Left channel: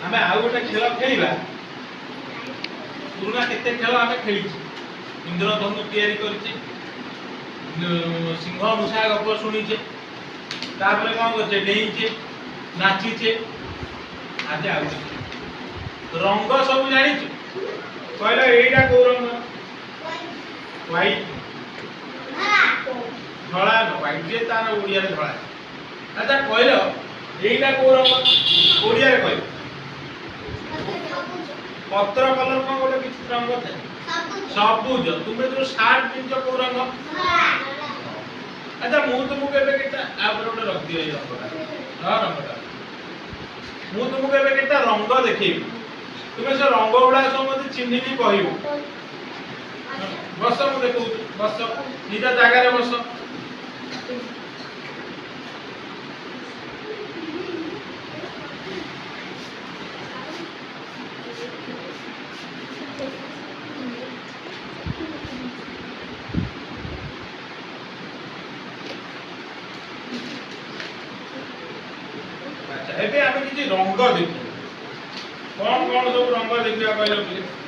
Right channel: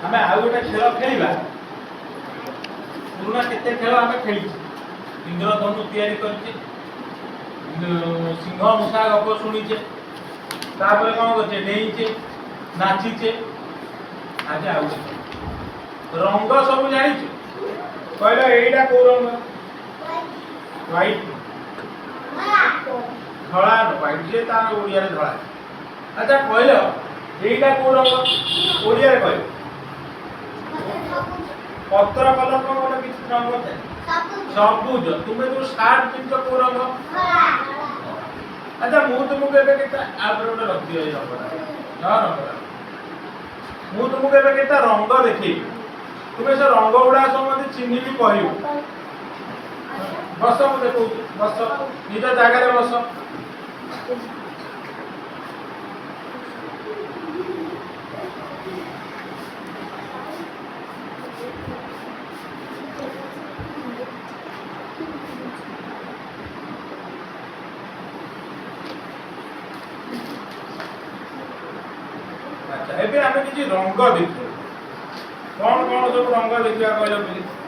आमे आउ गोटे खेल खेलिबा पुराना केते खेल आमे खेली इंद्रधनु तैयारी करछि सिंह मुसा गप सुनिछे तापर कोन करछे डेइछे नाचिछे आज आउ रंग सब जानिछे कहला एटा को रंग व्हाइट धळा न व्हाइट जे तार ओडिया रे धळा अच्छा कहलो एटा को रंग ओडिया रे कहलो पत्र कलम को गोटे किछ रंग थाए सबुज तुमे जो स्टार्ट पिंच को रंग अच्छा मु तुमको एबे केता आपर गोटे रख दियो ए रंगटा रंगटा मु तुमको एबे केता रंग देखैबी तुमे से रंग गुडा सब मते चिन्ही भी कहियो बस मु देखौ बस निज जागा रे बस अच्छा एबे आमे किछि रंग देखियो कौन कौन सब रंग देखिया कहलो प्लीज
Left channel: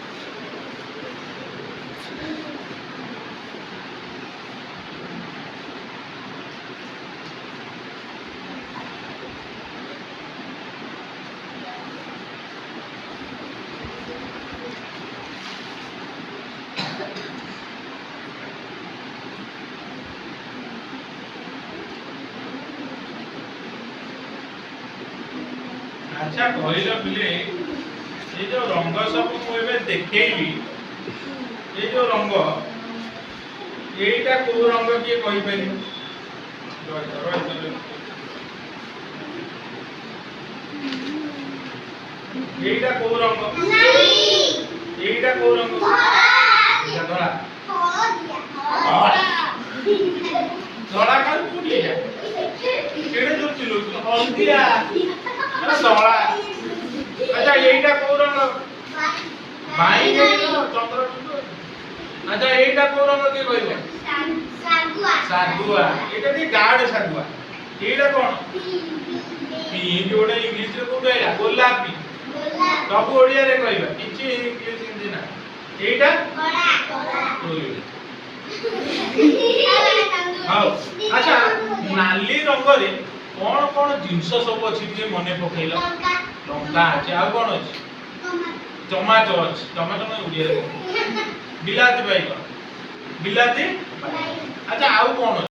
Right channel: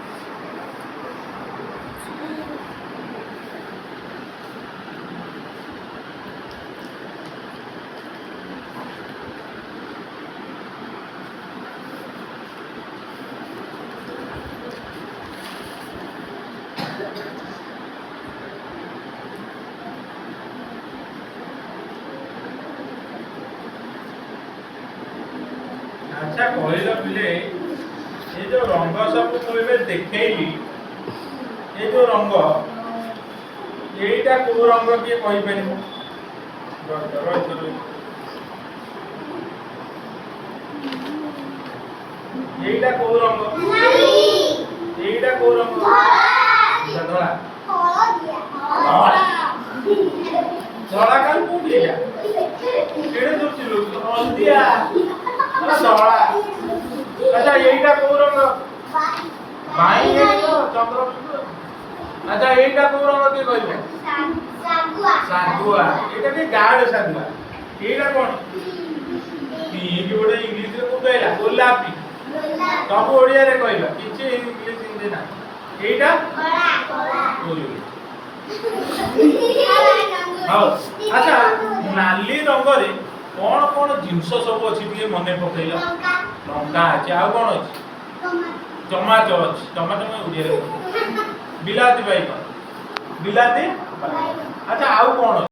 अच्छा कहलो पिले ये जो रंग सब मुझे देखली ये जो रंग यहीटा को रंग किए कहि परिमु यहीटा को रंग यहीटा को रंग धड़ा धड़ा काल कोडिया केड़े दूर चिलु हल्दिया धड़ा अच्छा यहीटा को रंग बाई चंद्र अच्छा यहीटा को रंग के कहले सागुआ एटा के गाड सागुआ एटा कोन पी जोडे इंग्लिश रे को कहला गोलापी सब ओडिया रे कहला किछि इंग्लिश हिंदी ना एटा हां अच्छा नाली रंग रे कोन कोन जिंस सब अछि जे मने पकैला लंका अछि आ कोन अछि टमाटो अछि टमाटो में उडिया रे बिलाती बाई कोन बिलाती अच्छा आउ कोन